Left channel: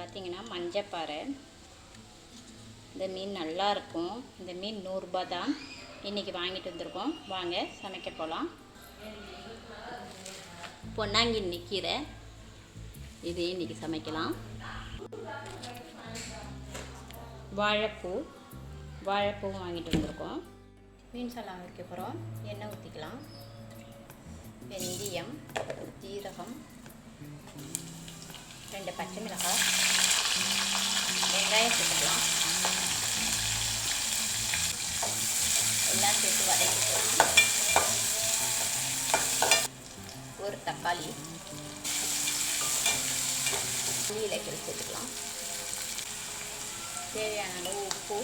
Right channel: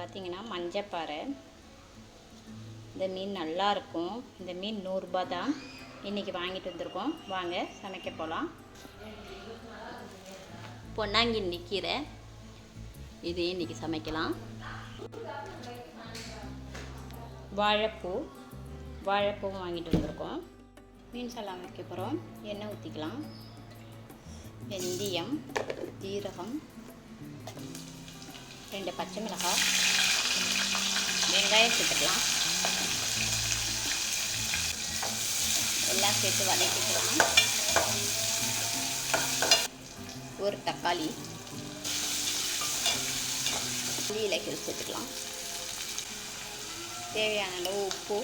பார்த்தீங்கன்னா மஞ்சப்பாறை. இந்த மீன் நல்லாயிருக்கும். இந்த மீன் 100 ரூபா தான். இன்றைக்கி வாங்கிட்டு வந்திருக்கோம். வாங்க சமைக்க போகலாம். பொன்னாங்கண்ணி கீரை, இது இன்றைக்கி சமைக்கலாம். வாழைப்பூவும் வாங்கிட்டு வந்திருக்கோம். மீன் சலாம் வைக்க போகிறோம். எண்ணெய் ஊற்றிக்கலாம். வெந்தயம், ஜீரகம், 2 பச்சை மிளகாய், வெங்காயம் சேர்த்துக்கலாம். எல்லாம் சேர்த்து வதக்கிக்கலாம். ஒரு தக்காளி, இலைகள் சேர்த்துக்கலாம். தேவையான அளவு உப்பு,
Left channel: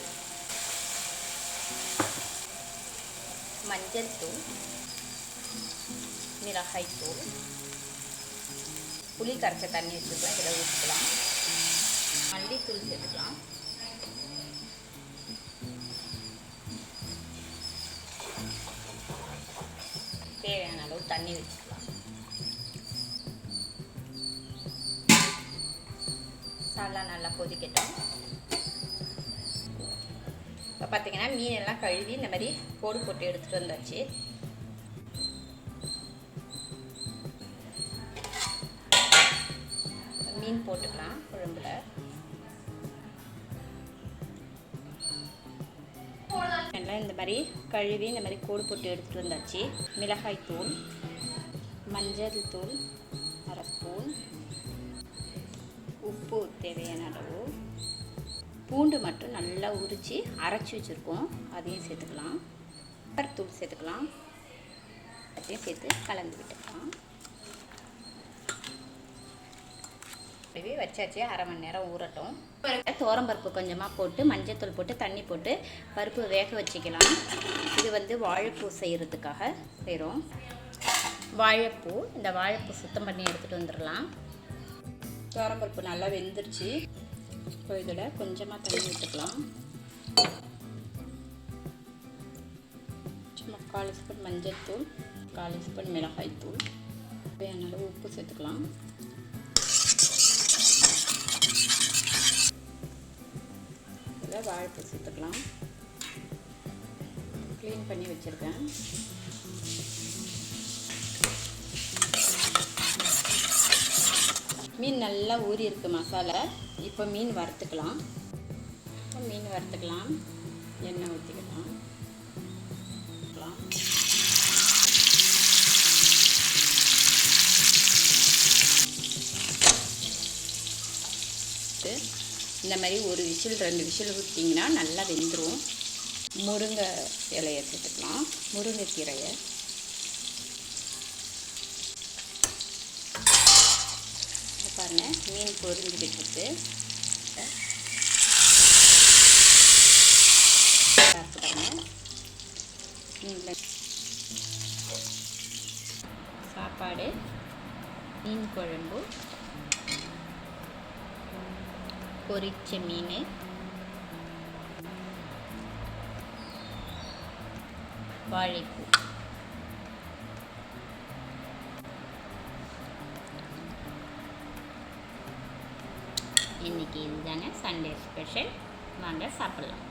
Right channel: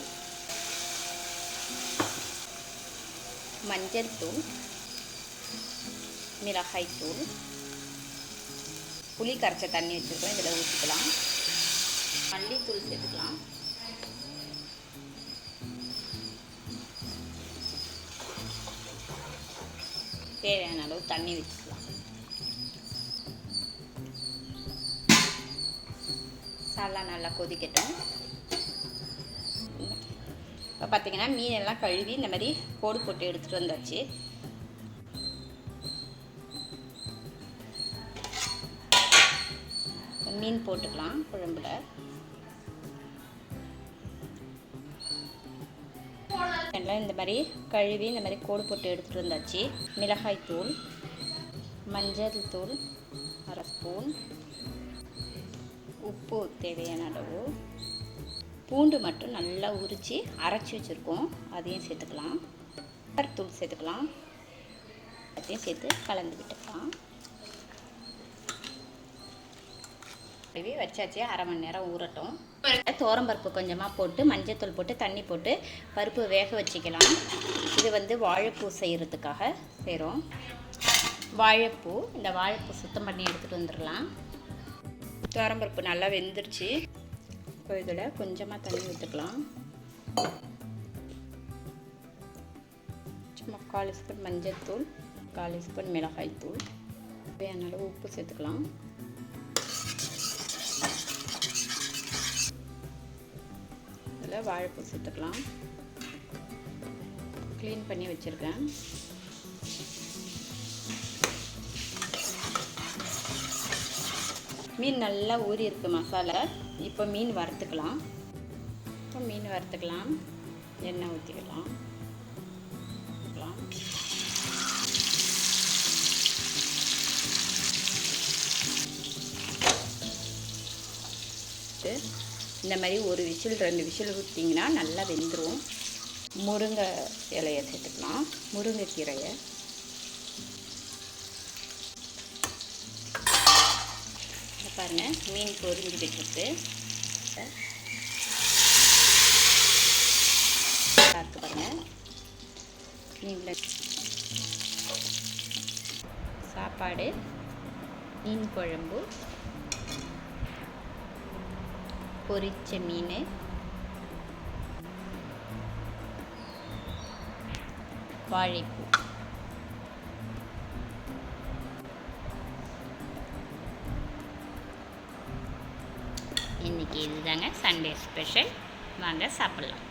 மஞ்சள் தூள், மிளகாய் தூள், புளி கரைச்ச தண்ணி வச்சுருக்கோம். இதில் ஊற்றிக்கலாம். மல்லித்தூள் சேர்த்துக்கலாம். தேவையான அளவு தண்ணி வச்சுக்கலாம். சாலா நல்லா கொதிக்கட்டும். இப்போ பார்த்திங்கன்னா மீனெல்லாம் கழுவி இந்த மாதிரி போடு போட்டு எடுத்துகிட்டு வந்தாச்சு. மீன் போட்டுக்கலாம் குழம்புல. எல்லாம் இந்த மாதிரி கழுவி இந்த மாதிரி கோடு போட்டு எடுத்துகிட்டு வந்தாச்சு. மிளகாய் தூள், மஞ்சள் தூள் 1/2 ஸ்பூன், உப்பு தேவையான அளவு, பூண்டு மட்டும் நல்லா உரித்து அரைச்சி வச்சுருக்கோம், அதையும் சேர்த்துக்கலாம். தூள் சேர்த்துக்கலாம். அதையும் சேர்த்து கலந்து விட்டுக்கலாம். வச்சாச்சு. 1/2 மணி நேரம் ஊறட்டும். துவரம்பருப்பு கொஞ்சமாக போட்டு மஞ்சத்தூள் போட்டு தண்ணி போட்டு பருப்பு வேக வச்சுக்கலாம். இது வந்து வாழைப்பூ செய்கிறதுக்காக செய்கிறோம். வாழைப்பூ, இந்த வாழைப்பூ சுத்தம் பண்ணி எடுத்துகிட்டு வந்துடலாம். துவரம்பருப்பு நல்லா வெந்துருச்சு. இப்போ இதில் கொஞ்சமாக தண்ணி விட்டுக்கலாம். சும்மா 1/4 ஸ்பூன் மஞ்சத்தூள், 1/4 ஸ்பூன் மிளகாய் தூள், தேவையான அளவு உப்பு சேர்த்துக்கலாம். இதில் வாழைப்பூ சேர்த்துக்கலாம். க்ளீன் பண்ணி வச்சுருக்கேன். மீன் நல்லா ஊறி இருக்குது மசாலா. இப்போ மீன் வறுத்துக்கலாம். எண்ணெய் ஊற்றிக்கலாம். இந்த மாதிரி 1 விசில் 2 விசில் விட்டிங்கன்னா நல்லா வெந்துடும். முருங்கை இலையை சேர்த்துக்கலாம். முருங்கைக்கீரையை பாருங்கள், மீன் பொரிஞ்சுக்கிட்டு இருக்கு பாருங்கள். மீனில் சாப்பாடு, மீன் குழம்பு, பொரிச்ச மீன், வாழைப்பூ. இன்றைக்கி இதுதாங்க சண்டே ஸ்பெஷல். வாங்க சாப்பிட்லாம்.